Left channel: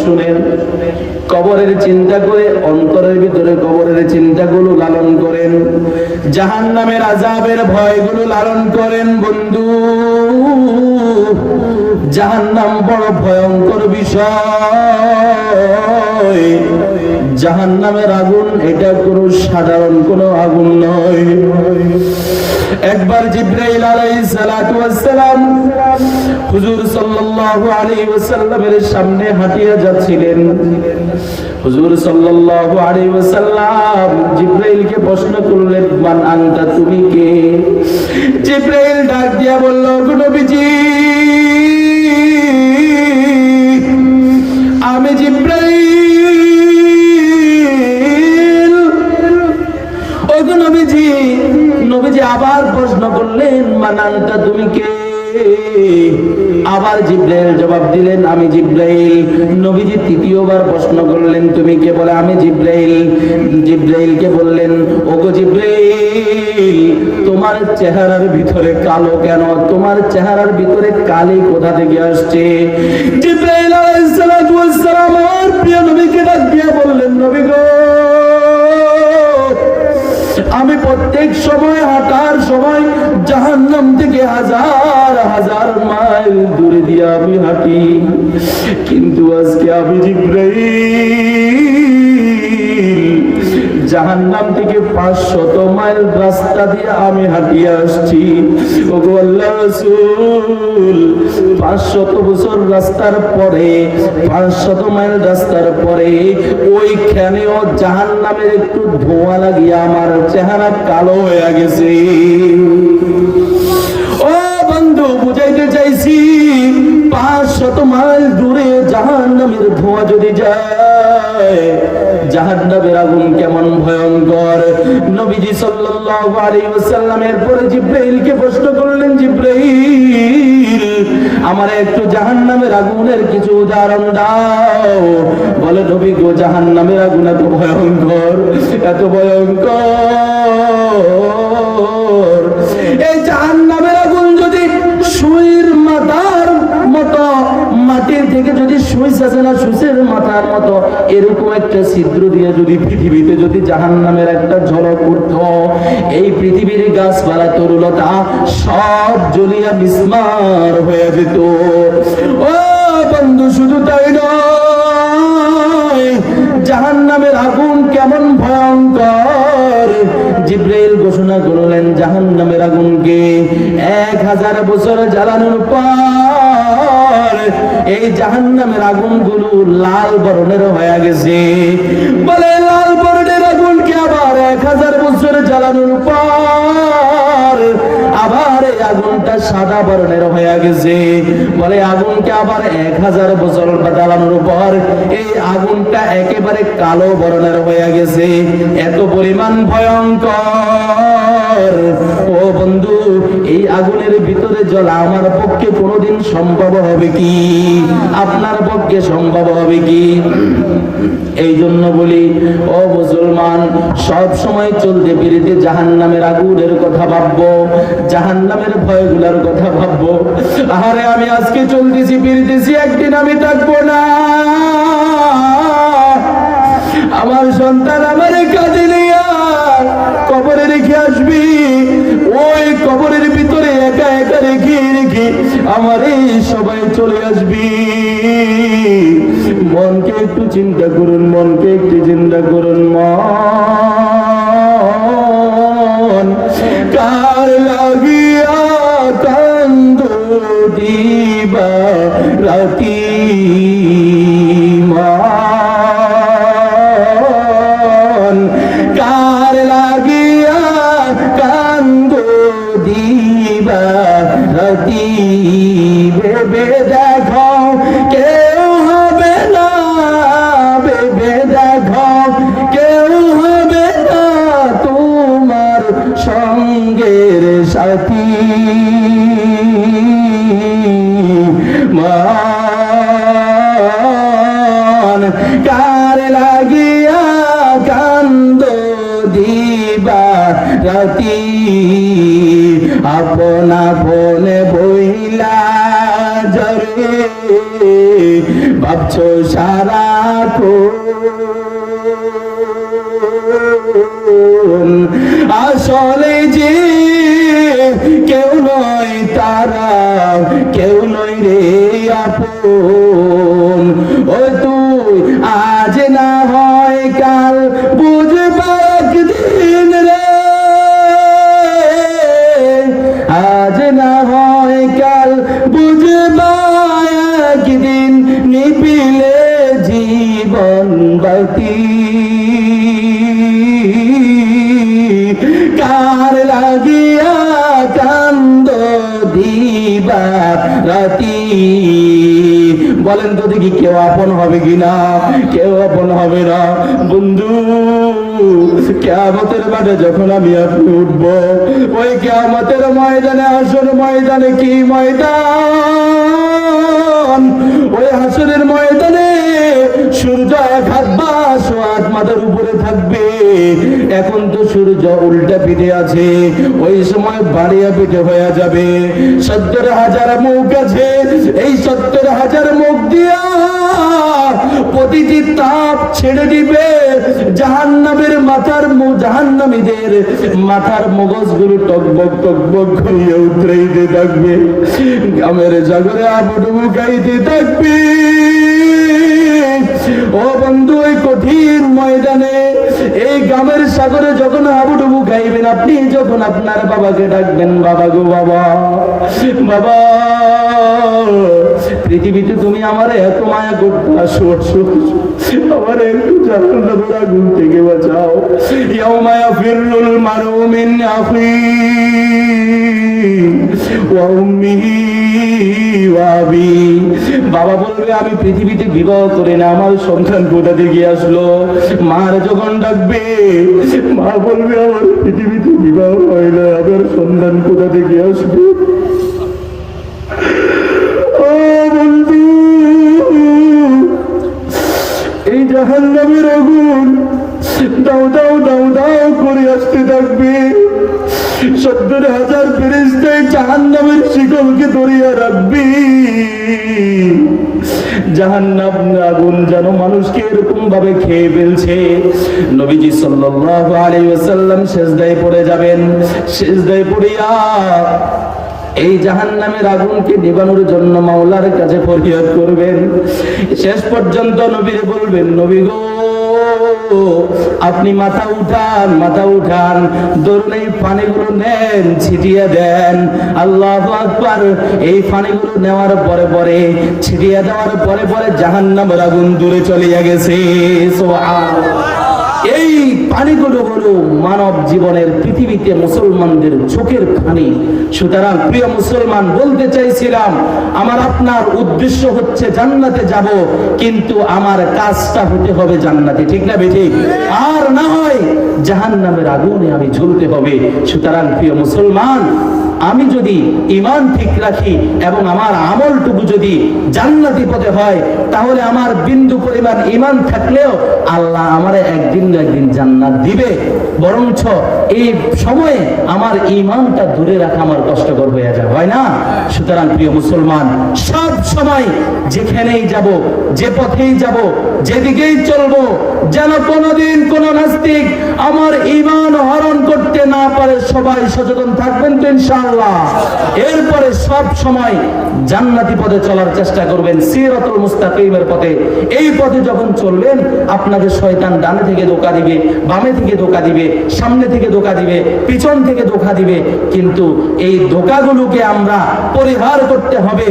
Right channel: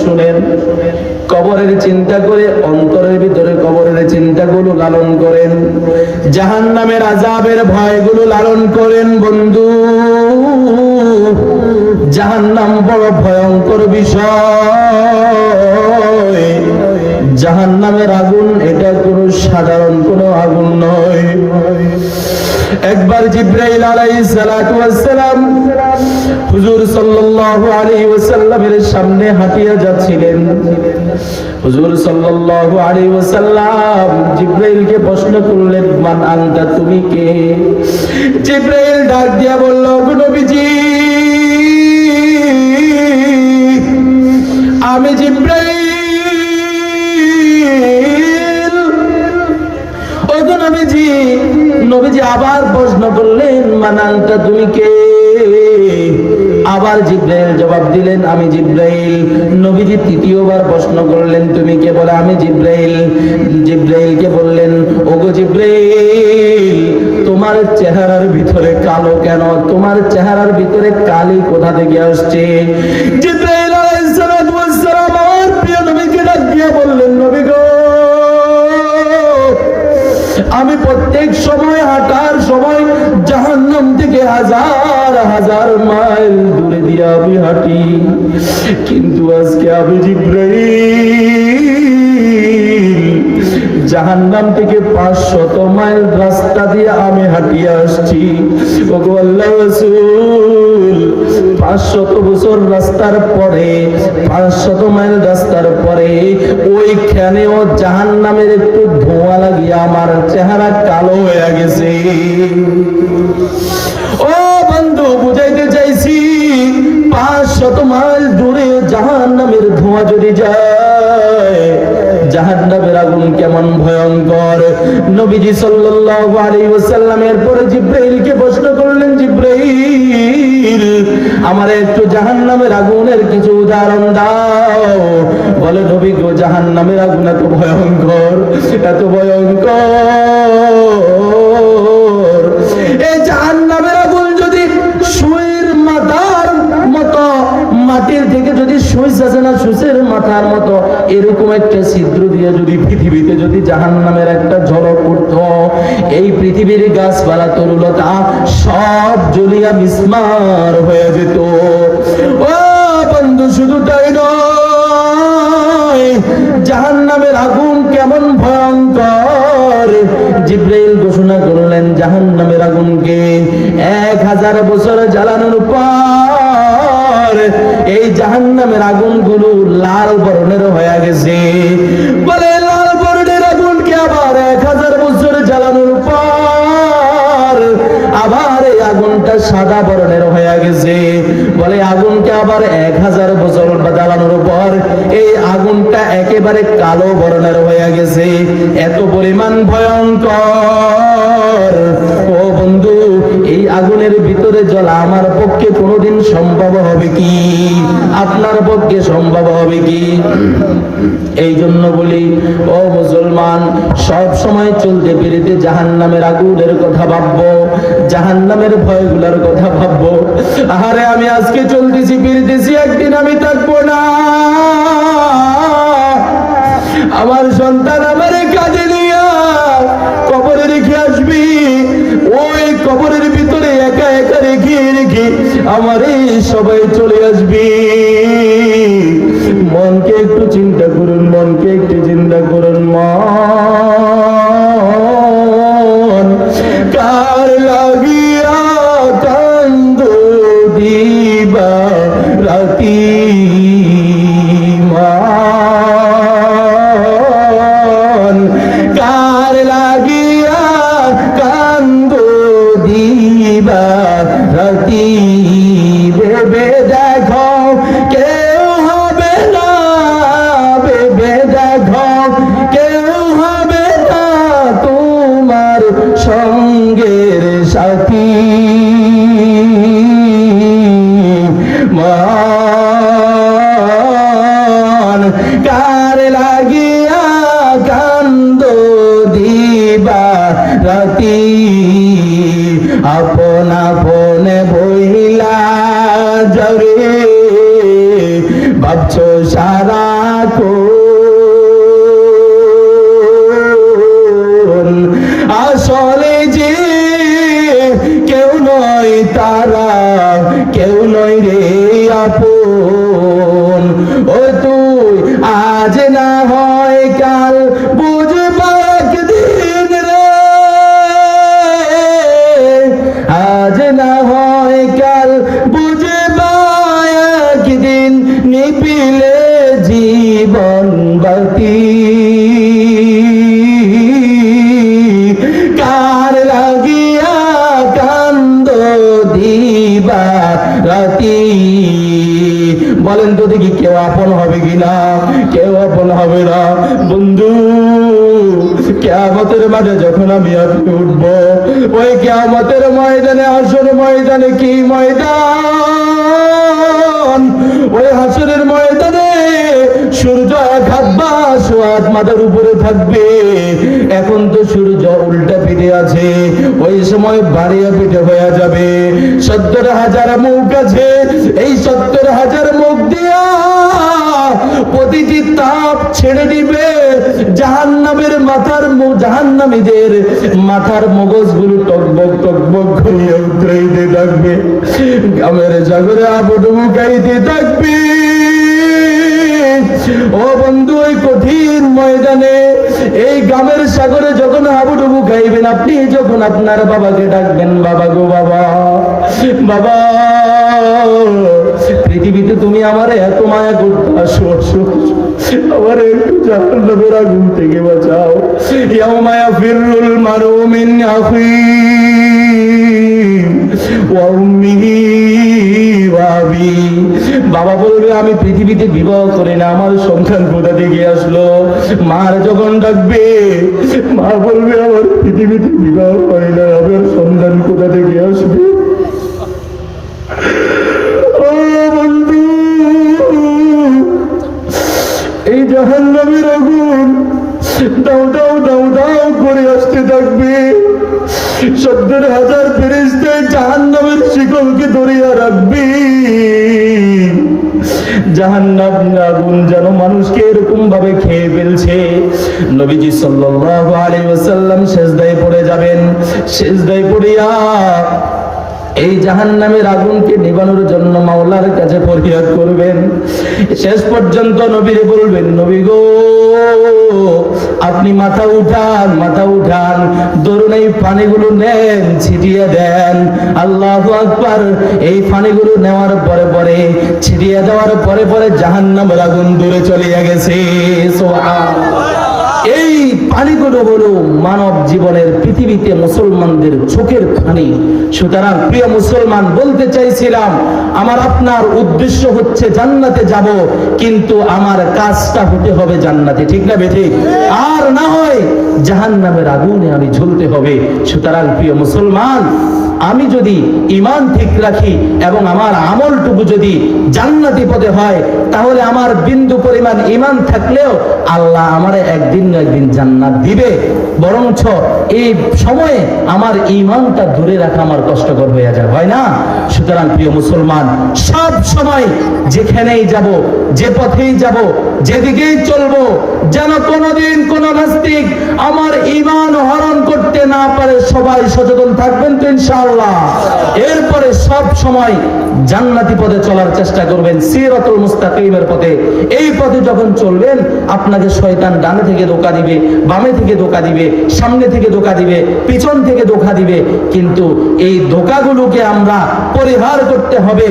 শুনেন, কবরের চিন্তা করে অন্তরের ভিতরে কবরের চিন্তাগুলো লালন করেন, জাহান্নামের আযাবের ভয়গুলো লালন করেন। বন্ধু, জাহান্নাম বড় ভয়ঙ্কর বিষয়। জাহান্নামের আগুন এটা কোনো সাধারণ কোনো আগুন নয়। একবার জিবরাইল আলাইহিস সালাতু ওয়াস সালাম হুজুর সাল্লাল্লাহু আলাইহি ওয়াসাল্লামের সামনে হাঁটিয়া যাচ্ছিলেন। হুজুর সাল্লাল্লাহু আলাইহি ওয়াসাল্লাম জিবরাইলকে প্রশ্ন করলেন, মান আনতা, তুমি কে? জিবরাইল ডাক দিয়া বলল, গো নবীজি, আমি জিবরাইল। ও গো নবীজি। নবীজি আবার প্রশ্ন করলেন, মান আনতা, তুমি কে? আবার জিবরাইল জবাব দিলেন, আমি জিবরাইল। নবীজি তৃতীয়বার প্রশ্ন করলেন, তুমি কে? বলে, আমি জিবরাইল। জিবরাইলকে বললেন, ওগো জিবরাইল, তোমার চেহারার ভিতরে কালো কেন? তোমার চেহারার ভিতরে কালি কোথা থেকে আসছে? জিবরাইল আলাইহিস সালাতু ওয়াস সালাম আমার প্রিয় নবীকে ডাক দিয়া বললেন, নবী গো, আমি প্রত্যেক সময় হাঁটার সময় জাহান্নাম থেকে হাজার হাজার মাইল দূরে দিয়ে আমি হাঁটি, কিন্তু আজকে আমি জিবরাইল জাহান্নাম থেকে 500 মাইল রাস্তা দিয়ে আমি হাঁটিয়ে আসছি। ওগো আল্লাহর রাসূল, 500 বছর রাস্তার পরে, 500 মাইল রাস্তার পরে ওইখানেও জাহান্নামের একটু ধোঁয়া লাগিয়ে আমার চেহারা কালো হয়ে গেছে। ও বন্ধু, বুঝাইতে চাইছি, 500 মাইল দূরে জাহান্নামের ধোঁয়া যদি যায়, জাহান্নামের আগুন কেমন ভয়ঙ্কর। নবীজি সাল্লাল্লাহু আলাইহি ওয়াসাল্লামের পরে জিবরাইলকে প্রশ্ন করলেন, জিবরাইল, আমার একটু জাহান্নামের আগুনের কিছু উদাহরণ দাও। বলে, নবী গো, জাহান্নামের আগুন এত ভয়ঙ্কর, এত ভয়ঙ্কর। এই জাহান্নামের আগুন যদি সুইর মাথার মতো, মাটির থেকে যদি সুইচ আছে না, সুইচের মাথার মতো এরকম একটা ছিদ্র দিয়ে যদি পৃথিবীতে যদি জাহান্নামের একটা ঝলক উঠত, এই পৃথিবীর গাছপালা তরুলতা সব জ্বলিয়া বিস্মার হয়ে যেত। ও বন্ধু, শুধু তাই নয়, জাহান্নামের আগুন কেমন ভয়ঙ্কর। জিবরাইল ঘোষণা করলেন, জাহান্নামের আগুনকে 1000 বছর জ্বালানোর পর এই জাহান্নামের আগুনগুলো লাল বর্ণের হয়ে গেছে। বলে, লাল বর্ণের আগুনকে আবার 1000 বছর জ্বালানোর পর আবার এই আগুনটা সাদা বর্ণের হয়ে গেছে। বলে, আগুনকে আবার 1000 বছর জ্বালানোর পর এই আগুনটা একেবারে কালো বর্ণের হয়ে গেছে। এত পরিমাণ ভয়ঙ্কর। ও বন্ধু, এই আগুনের ভিতরে জ্বলা আমার পক্ষে কোনোদিন সম্ভব হবে কি? আপনার পক্ষে সম্ভব হবে কি? এই জন্য বলি, ও মুসলমান, সব সময় চলতে ফিরতে জাহান্নামের আগুনের কথা ভাববো, জাহান্নামের ভয়গুলোর কথা ভাববো। আহারে, আমি আজকে চলতেছি ফিরতেছি, একদিন আমি থাকবো না। আমার সন্তান আমার কাঁদে নিয়া কবরে রেখে আসবি, ওই কবরের ভিতরে একা একা রেখে রেখে আমার এই সবাই চলে আসবি। মনকে একটু চিন্তা করুন, মনকে একটু চিন্তা করুন। মন কার লাগিয়া কান্দ দিবা রাতি, মন কার লাগিয়া কান্দ দিবা রাতি, ভেবে দেখো কেউ হবে না, ভেবে তো সারাক্ষণ, আসলে যে কেউ নয় তারা, কেউ নয় রে আপন। ও তুই আজ না হয় কাল বুঝবা একদিন রে, আজ না হয় কাল বুঝবা একদিন, নিপিলে জীবন বাতি কার লাগিয়া কান্দ দিবা রাতি। বলেন তো দেখি কেউ আপন হবে কিনা? কেউ আপন হবে না। বন্ধু, কিয়ামতের মাঠে যখন আমি আপনি উঠবো, ওই কিয়ামতের ময়দানে, হাসর ময়দানে, কি ময়দান, ওই হাসরের ময়দানে সূর্য 1 হাত বা 100 হাত মাথার উপরে থাকবে। এখন তো সূর্য উল্টা পিঠে আছে, ওই সময় বাড়িয়া পিঠে হয়ে যাবে। 70,000 মুখ আছে, এই 70,000 মুখ দিয়া প্রতিটি তাপ ছেড়ে দিবে। জাহান্নামের মাথার জাহান্নামীদের মাথার মগজগুলো টকবক টকবক করে উতরাইতে থাকবে, গ্রামের সাগরে আবুডুবু খাইতে থাকবে। ও বন্ধু, এই কঠিন ময়দানে, এই গ্রামের সাগরে যখন হাবুডুবু খাইবেন, আপনি যখন আপনার বাবাকে ডাকবেন, বাবা গো বাবা, বাবা, পৃথিবীতে তুমি আমার এত মায়া করতা, আমার জাহান্নামের আগুন থেকে বাঁচাও। ইয়াউমা ইয়াফিরুল মারউ মিন আখিহি ওয়া উম্মিহি ওয়া আবিহি। বাবা বলবে, আমি পৃথিবীতে বিবাহ করি না, আমার সন্তান কোথা থেকে আসলো? মার যখন ডাকবে, মা বলবে, আমার পৃথিবীতে বিবাহ করে না, আমার সন্তান কোথা থেকে আসবে? ও বন্ধু, এই জাহান্নামের আগুন দাও দাও দাও দাও করে আসতে থাকবে। 70,000 ফেরেশতা জাহান্নামের শিকলকে ধরিয়া রাখবে। জাহান্নাম আগুন যেন মানুষকে এরকম ভাবে খেয়ে ফেলছে। নবীজি সাল্লাল্লাহু আলাইহি ওয়াসাল্লাম সিজদায় পড়ে যাবেন। সিজদায় পড়িয়া এই জাহান্নামের আগুনকে নিবানোর জন্য মাওলার কাছে ফরিয়াদ করবেন। শেষ পর্যন্ত নবীরে বলবেন, নবী গো, আপনি মাথা উঠান, মাথা উঠান, ধরুন এই পানিগুলো নেন, ছিটিয়ে দেন। আল্লাহু আকবার। এই পানিগুলো নেওয়ার পরে পরে, ছিটিয়ে দেওয়ার পরে পরে জাহান্নামের আগুন দূরে চলে গেছে। সুবহানাল্লাহ। এই পানিগুলো হলো মানব জীবনের, পৃথিবীতে মুসলমানদের চোখের পানি। সুতরাং প্রিয় মুসলমান, বলতে চাইছিলাম, আমার আপনার উদ্দেশ্য হচ্ছে জান্নাতে যাব, কিন্তু আমার কাজটা হতে হবে জান্নাতে, ঠিক না বেঠিক? আর না হয় জাহান্নামের আগুনে আমি ঝুলতে হবে। সুতরাং প্রিয় মুসলমান, আমি যদি ঈমান ঠিক রাখি এবং আমার আমলটুকু যদি জান্নাতি পদে হয়, তাহলে আমার বিন্দু পরিমাণ ঈমান থাকলেও আল্লাহ আমারে একদিন না একদিন জান্নাত দিবে। বরঞ্চ এই সময়ে আমার ঈমানটা ধরে রাখা আমার কষ্টকর হয়ে যায়, হয় না? সুতরাং প্রিয় মুসলমান, সব সময় যেখানেই যাব, যে পথেই যাব, যেদিকেই চলবো, যেন কোনোদিন কোন নাস্তিক আমার ঈমান হরণ করতে না পারে। সবাই সচেতন থাকবেন তো ইনশাআল্লাহ। এরপরে সব সময় জান্নাতি পথে চলার চেষ্টা করবেন, সিরাতুল মুস্তাকিমের পথে। এই পথে যখন চলবেন, আপনাদের শয়তান ডানে থেকে ধোঁকা দিবে, বামে থেকে ধোঁকা দিবে, সামনে থেকে ধোঁকা দিবে, পিছন থেকে ধোঁকা দিবে, কিন্তু এই ধোঁকাগুলোকে আমরা পরিহার করতে হবে।